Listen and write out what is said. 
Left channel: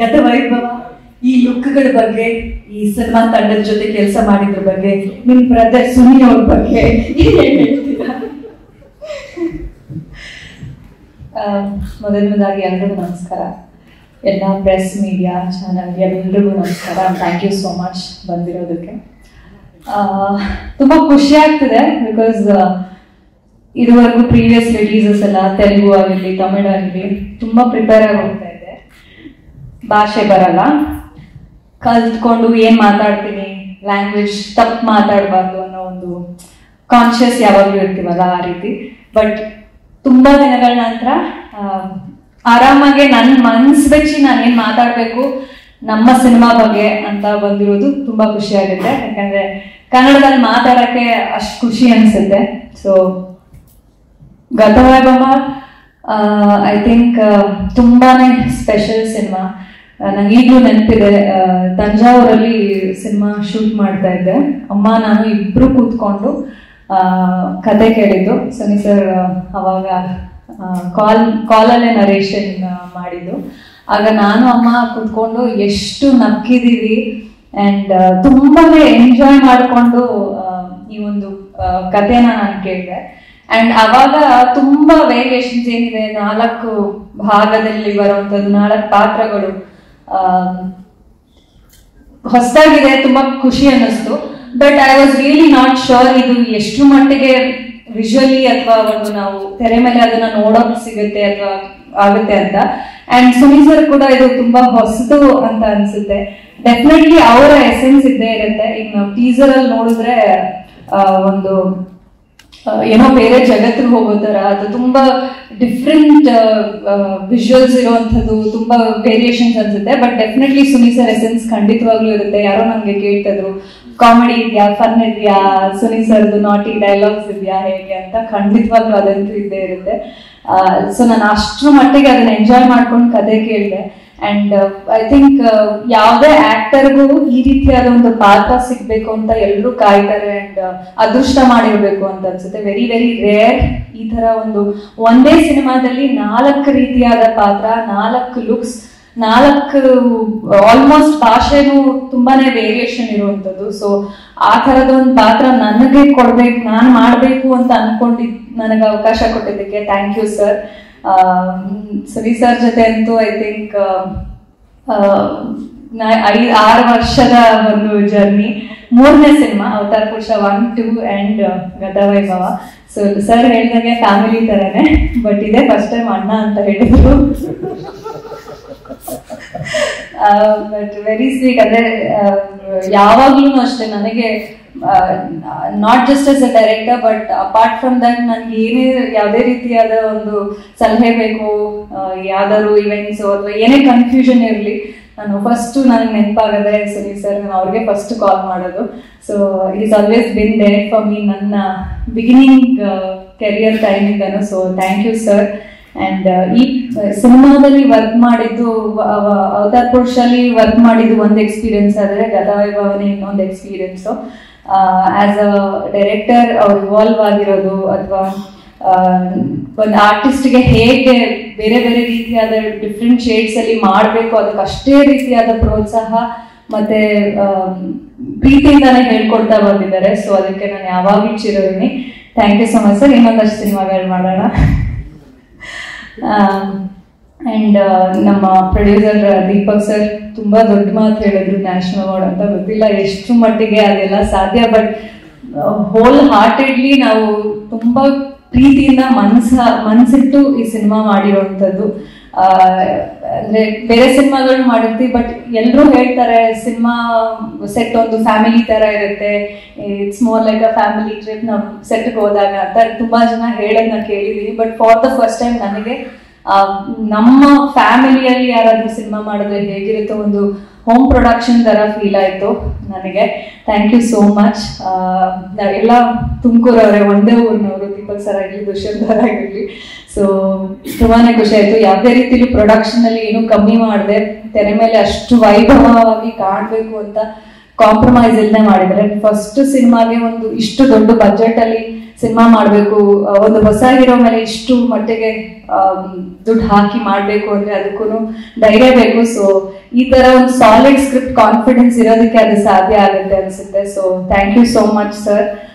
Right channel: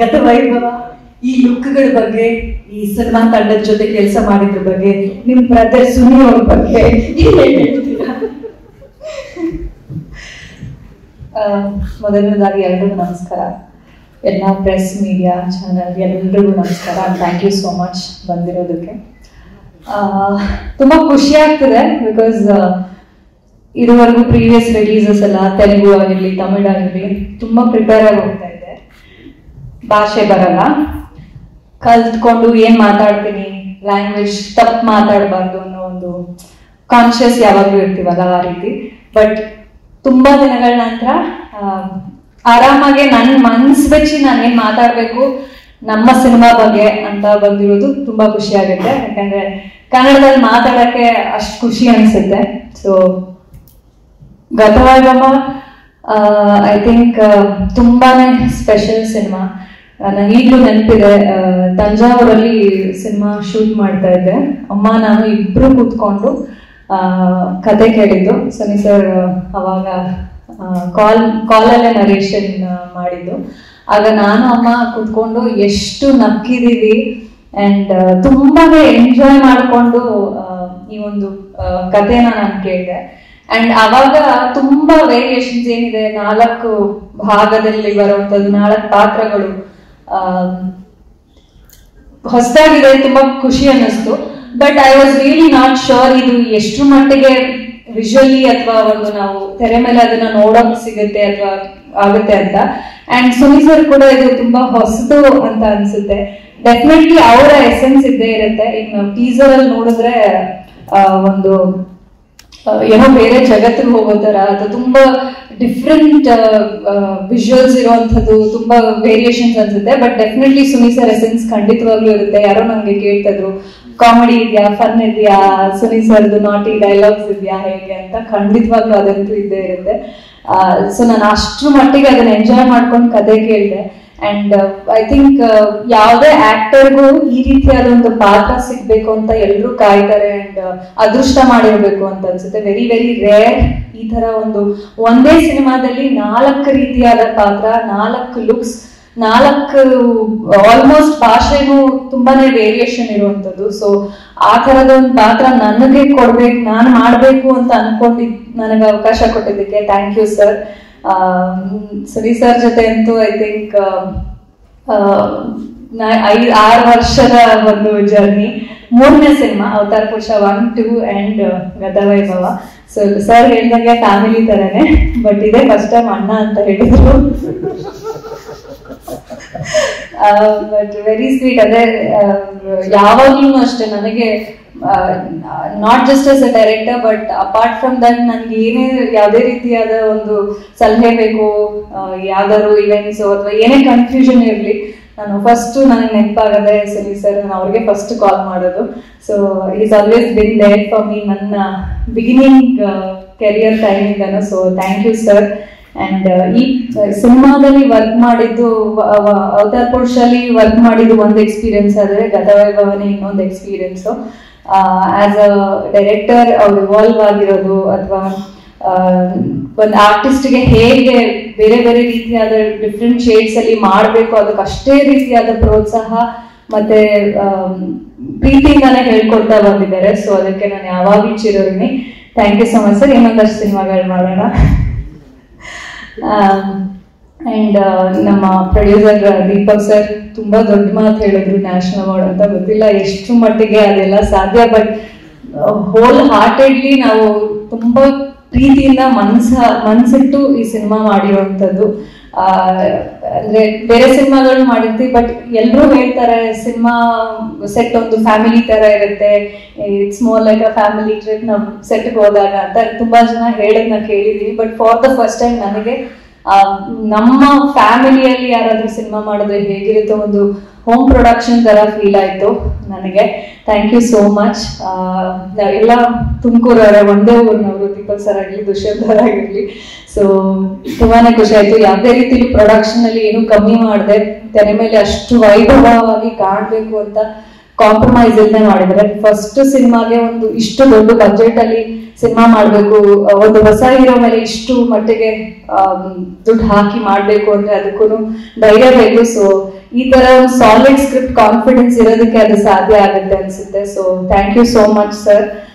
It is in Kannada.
ಗತವೈಭವ, ಈ ಲುಕ್ಗಳ ಬಗ್ಗೆ, ಈ ಸಿನಿಮಾ ತಂಡದ ಜೊತೆ ಕೆಲಸ ಮಾಡಿದ್ರ ಬಗ್ಗೆ, ನಿಮ್ ಬ್ರದರ್ ಸುನಿ ಅವ್ರ ಬಗ್ಗೆ ಹೇಳ್ತೀರಾ? ಮೊದಲನೇದಾಗಿ ಎಲ್ರಿಗೂ ನಮಸ್ಕಾರ. ಎಲ್ಲ ಪ್ರೆಸ್ ಮೀಡಿಯಾ ಚಾನಲ್ ಎಲ್ರಿಗೂ ನಮಸ್ಕಾರ. ಥ್ಯಾಂಕ್ ಯು ಸೋ ಮಚ್ ಬಂದಿರೋದಕ್ಕೆ. ತುಂಬಾ ಖುಷಿ ಆಗ್ತಿದೆ ಬಿಕಾಸ್ ಇದುವರೆಗೂ ಪ್ರೀವಿಯಸ್ ರಿಲೀಸಸ್ ಎಲ್ಲ ತೆಲುಗು ಆಗಿರ್ಲಿ, ತಮಿಳ್ ಆಗಿರ್ಲಿ ತುಂಬಾ ಪ್ರಿಪೇರ್ ಆಗಿ ಹೋಗ್ತಾ ಇದ್ದೆ. ಭಾಷೆ ಬರಲ್ಲ, ಕಲ್ತ್ಕೊಂಡು ಏನ್ ಮಾತಾಡ್ತೀನಿ, ಲ್ಯಾಂಗ್ವೇಜ್ ತಪ್ಪು ಮಾತಾಡಬಾರ್ದು ಅನ್ನೋ ಒಂದು ಕಾನ್ಶಿಯಸ್ ಯಾವಾಗಲೂ ಇರ್ತೀವಲ್ಲ, ಆ ರೀತಿ. ಬಟ್ ತುಂಬಾ ದಿನಗಳ ನಂತರ ಆರಾಮಾಗಿ ನನ್ನ ಮನ್ಸು ಬೆಚ್ಚಿ ನಾನೇನ್ ಮಾತಾಡ್ಬೇಕು ನಮ್ಮ ಸಿನಿಮಾ ಬಗ್ಗೆ ಅಂತ ಬಂದಿರೋದು ತುಂಬಾ ಖುಷಿ ಆಗುತ್ತೆ. ಯಾಕಂದ್ರೆ ಕನ್ನಡದಲ್ಲಿ ಮಾತಾಡಕ್ಕೆ ಅಷ್ಟು ಖುಷಿ ಅನ್ಸುತ್ತೆ. ಸೊ ಗತವೈಭವ ಐ ಥಿಂಕ್ ತುಂಬಾನೇ ಸ್ಪೆಷಲ್ ಸಿನಿಮಾ. ನಂಗೆ ಈಗಲೂ ನೆನಪಿದೆ, ತಂಜಾವೂರಲ್ಲಿ ಸಿನಿಮಾ ಶೂಟ್ ಮಾಡ್ತಾ ಇದ್ದೆ. ಅಮ್ಮ ನಾನು ಇಬ್ರು ಕೂತ್ಕೊಂಡು ಕತೆ ಕೇಳಿದ್ದು. ಸನಿ ಸರ್ ಅವಾಗ ಕಾಲಲ್ಲೇ ನರೇಷನ್ ಮಾಡಿದ್ದು. ಆಗ ನಾನು ಅಮ್ಮ ಕೂತ್ಕೊಂಡು ಎಷ್ಟು ನಕ್ಕಿದೀವಿ ಅಂಡ್ ತುಂಬಾನೇ ಎಂಜಾಯ್ ಮಾಡಿಕೊಂಡು ಈ ಒಂದು ಕಥೆನ ನಾನು ಕೇಳಿದೆ. ಅಂಡ್ ಅವಾಗ ತುಂಬಾ ವೇರಿಯೇಷನ್ಸ್ ಏನಿದೆ, 4 ಭಾಗದಲ್ಲಿ ಬರುವಂತದ್ದು 4 ಪಾತ್ರಗಳು ಹೊಸದಾಗಿದೆ, ತುಂಬಾ ಖುಷಿ ಅನ್ನಿಸ್ತು. But I was really not sure ಇದು ಎಷ್ಟು ಮಟ್ಟಿಗೆ ವಿಜುವಲಿ ಅಥವಾ ಒಂದು ನಾವು ತೆರೆ ಮೇಲೆ ಅದನ್ನ ನೋಡೋಕೆ ಸಿಗುತ್ತೆ ಅಥವಾ ಆಗುತ್ತೆ ಅಂತ. ಅಂಡ್ ಸುನಿ ಸರ್ ಕೂಡ ಇದು ತುಂಬಾ ಹೊಸದು ಅಂತ ಅನ್ಸುತ್ತೆ. ಡೆಫಿನೆಟ್ಲಿ ಅವರ ಎಸೆನ್ಸ್ ಇದ್ದೇ ಇರುತ್ತೆ. ಈಗ ನಾವು ಟೀಸರ್ ಅಲ್ಲಿ ನೋಡಿದ್ರೆ ಒಂದು ಏನೋ ಬೇರೆ ಜಗತ್ತಿಗೆ ಹೋಗೋ ತರ, ಅದು ತುಂಬಾ ಡಿಫ್ರೆಂಟ್ ವಿಜುವಲ್ಸ್ ಇರುವಂತದ್ದು, ತುಂಬಾ ವೇರಿಯೇಷನ್ಸ್ ಅನ್ಸುತ್ತೆ. But definitely Suni sir essence ಖಂಡಿತವಾಗ್ಲೂ ಇರುತ್ತೆ. ಯಾರೋ ನಮ್ಗೆ ಕೇಳ್ತಿದ್ರು ಕಾಮಿಡಿ ಇದೆಯಾ, ಫನ್ ಇದೆಯಾ, ಸುನಿ ಸರ್ದು ನಾಟಿ ಡೈಲಾಗ್ಸ್ ಇದೆಯಾ ಹೇಗೆ ಅಂತ. ಖಂಡಿತವಾಗ್ಲೂ ಅದಂತೂ ಇದ್ದೇ ಇರುತ್ತೆ. ಸೊ ನಾನು ಅಷ್ಟ್ರ ಮಟ್ಟಿಗೆ ಅದನ್ನ ಎಂಜಾಯ್ ಮಾಡ್ಕೊಂಡು ಕತೆ ಕೇಳಿದೆ. ಅಂಡ್ ಐ ಥಿಂಕ್ ಯಾವುದೇ ಆಕ್ಟರ್ಗೂ ಈ ರೀತಿಯಾದ ಒಂದು ಪಾತ್ರ ಸಿಗ್ಬೇಕು ಅಂತ ಎಲ್ಲರೂ ಕಾಯ್ತಾರೆ. ಅಂಡ್ ಅದೃಷ್ಟ ಮಾಡಿರ್ಬೇಕು ಅಂತ ಅನ್ಸುತ್ತೆ. ವೆರಿ ವೆರಿ ರೇರ್ ಈ ತರ ಒಂದೇ ಸಿನಿಮಾದಲ್ಲಿ 4 ರೀತಿಯಾದ ಪಾತ್ರ, 4 ಲುಕ್ಸ್, 4 ಆಲ್ಮೋಸ್ಟ್ ಭಾಷೆಗೂ ತುಂಬಾನೇ ವೇರಿಯೇಷನ್ ಇರುವಂತದ್ದು. ಸೊ ಆ ತರದ ಒಂದು ಪಾತ್ರ ನನಗೆ ಕೊಡ್ಬೇಕು, ನಾನು ಮಾಡ್ಬೇಕು ಅಂತ ಅನ್ಕೊಂಡಿದ್ ನನಗೆ ಅವಕಾಶ ಕೊಟ್ಟಿದ್ದಕ್ಕೆ ಥ್ಯಾಂಕ್ ಯು ಸರ್. ಸರಿ ಸರ್ ಜೊತೆ ಅಂತೂ ಐ ಥಿಂಕ್ 5-6 ವರ್ಷದ ಒಂದು ಜರ್ನಿ. 3ನೇ cinema avatar Purusha 1, 2 and Gathavaibhava. So sir ಹೇಳಿದಂಗೆ ಫ್ಯಾಮಿಲಿ ತರನೇ, ಬಟ್ ಇದೇ ಫಸ್ಟ್ ಟೈಮ್ ಅಣ್ಣ ಅಂತ ಹೇಳಿದ್ರು. But very sweet. ಅದೇ ಯಾವಾಗ್ಲೂ ಅಷ್ಟೇ ನನಗೆ not just as a director but apart from that ನನ್ಗೆ ಏನೇ ಯಾವುದೇ ರೀತಿಯಾದ ಒಂದು ಸಲಹೆ ಬೇಕು, ಯಾವ್ದಾದ್ರು ಇವೆಂಟ್ಸ್ ಅಥವಾ ಏನೇ ಕನ್ಫ್ಯೂಷನ್ ಇರಲಿ, ನಾನು ಫಸ್ಟ್ ನನಗೆ ನೆನಪಾಗದೆ ಸರಿ ಸರ್ ನಾನು ಅವ್ರಿಗೆ ಫಸ್ಟ್ ಕಾಲ್ ಮಾಡೋದು. So is always been there for me ನನ್ನ ಬಿಗಿನಿಂಗ್ ಕೆರಿಯರ್ ಟೈಮಿಂದನು. So thank you sir. And ಈ ಸಿನಿಮಾದಲ್ಲಿ ವರ್ಕ್ ಮಾಡಿದ್ದು, ಅವತಾರ್ ಪುರುಷಲ್ಲಿ ವರ್ಕ್ ಮಾಡಿದ್ದು ಒಂದು ಎಕ್ಸ್ಪೀರಿಯನ್ಸ್ ಆದ್ರೆ ಗತವೈಭವನೇ ಇನ್ನೊಂದು ಎಕ್ಸ್ಪೀರಿಯನ್ಸ್. ಆಸ್ ಅ ಡೈರೆಕ್ಟರ್ ಅವ್ರು ಇವಾಲ್ವ್ ಆಗಿರೋದು ಅಥವಾ ಒಂದು ಆರ್ಟಿಸ್ಟ್ಗೆ ಹೇಗೆ ಬೇರೆ ಬೇರೆ ರೀತಿಯಾದ ಡಿಫ್ರೆಂಟ್ ಶೇಡ್ಸ್ ಅಲ್ಲಿ ಮಾಡಬೇಕು, ಅದಕ್ಕೆ ಅಷ್ಟೇ ರೀತಿಯಾದ ಪ್ರೋತ್ಸಾಹ ಮತ್ತೆ ಪ್ರೀತಿಯಿಂದಾನೇ ಹೇಳ್ಕೊಡ್ತಾ ಬಂದಿದ್ದಾರೆ. ಸೊ ಅದಕ್ಕೆ ನಾನು ಯಾವಾಗಲೂ ಚಿರೋಣಿ. Thank you so much sir. ಇನ್ನೊಂದಷ್ಟು ಸಿನಿಮಾಗಳು ಮಾಡೋಣ. ಅಂಡ್ ನಮ್ಮ ಪ್ರೊಡ್ಯೂಸರ್ ದೀಪಕ್ ಸರ್ ತುಂಬಾ ದೊಡ್ಡ ಮಾತು ಹೇಳಿದ್ರು, ನ್ಯಾಷನಲ್ ಅವಾರ್ಡ್ ಅಂತ. ಗೊತ್ತಿಲ್ಲ ಎಷ್ಟು ಮಟ್ಟಿಗೆ ಅದೆಲ್ಲ ಸಾಧ್ಯ, ಬಟ್ ಹೋಲ್ ಹಾರ್ಟೆಡ್ಲಿ ನಾವು ತುಂಬಾ ಪ್ರೀತಿಯಿಂದ ಮನ್ಸಿಟ್ಟು ಈ ಸಿನಿಮಾ ಮಾಡಿರುವಂತದ್ದು. ಅಂದ್ರೆ ಬೇರೆ ಸಿನಿಮಾಗಳು ಮಾಡಿರ್ತೀವಿ, ಬಟ್ ಎಲ್ಲರೂ ಹೇಳ್ತಾರೆ ಸಿನಿಮಾ ಸೆಟ್ ಒಂದು ಫ್ಯಾಮಿಲಿ ತರ ಇರುತ್ತೆ, it's more like a family trip ನಾವು ಸೆಟ್ಗೆ ಹೋದಾಗ ಅಂತ ತುಂಬಾ ಜನ ಹೇಳೋದನ್ನ ಕೇಳಿದೀನಿ. But for the first time ನನಗೆ ನಮ್ಮ ಫ್ಯಾಮಿಲಿಯಲ್ಲಿ ಯಾರಾದ್ರೂ ಸಿನಿಮಾ ಮಾಡಿದ್ರೆ ಹೇಗಿರುತ್ತೋ ಒಂದು ಹೋಮ್ ಪ್ರೊಡಕ್ಷನ್ ತರ ಫೀಲ್ ಆಯ್ತು ನನಗೆ. Thank you so much. ಎಲ್ಲ ತುಮಕೂರವ್ರೆ, ಒಂದೇ ಊರಿನವರು, ದೀಪಕ್ ಸರ್ ಆಗಿರ್ಲಿ, ದುಷ್ಯಂತ್ ಸರ್ ಆಗಿರ್ಲಿ. ಸೊ ತುಂಬಾನೇ ಖುಷಿ ಆಯ್ತು. ಯಾವುದೇ ರೀತಿಲಿ ಪ್ರೊಡಕ್ಷನ್ ಅಲ್ಲಿ ಏನು ಕಮ್ಮಿ ಮಾಡಿದೆ, ತೆರೆ ಮೇಲೆ ಅಷ್ಟು ವೈಭವವಾಗಿ ಕಾಣಬೇಕು ಅಂತ ಕಾಂಪ್ರಮೈಸ್ ಇಲ್ಲದೆ ಮಾಡಿದ್ರೆ. ಫಸ್ಟ್ ಸಿನಿಮಾಗೆ ಒಂದು ಇಷ್ಟು ದೊಡ್ಡ ಬಜೆಟ್ ಅಲ್ಲಿ ಸಿನಿಮಾ ಮಾಡ್ಬೇಕು, ಒಂದು ಹೊಸ ಹೀರೋ ಮೇಲೆ ಇಷ್ಟು ಮಟ್ಟಿಗೆ ದುಡ್ಡು ಹಾಕಿ ಮಾಡ್ಬೇಕು ಅಂದ್ರೆ ಅದಕ್ಕೂ ಧೈರ್ಯ ಬೇಕು. ಸೊ ಈ ತರ ಒಂದು ಸಾಲಿಡ್ ಸ್ಕ್ರಿಪ್ಟ್ ಕಾನ್ಫಿಡೆನ್ಸ್ ಇರೋದಕ್ಕೆ ಅದು ಸಾಧ್ಯ ಆಗುತ್ತೆ ಅನ್ಸುತ್ತೆ. So thank you so much sir.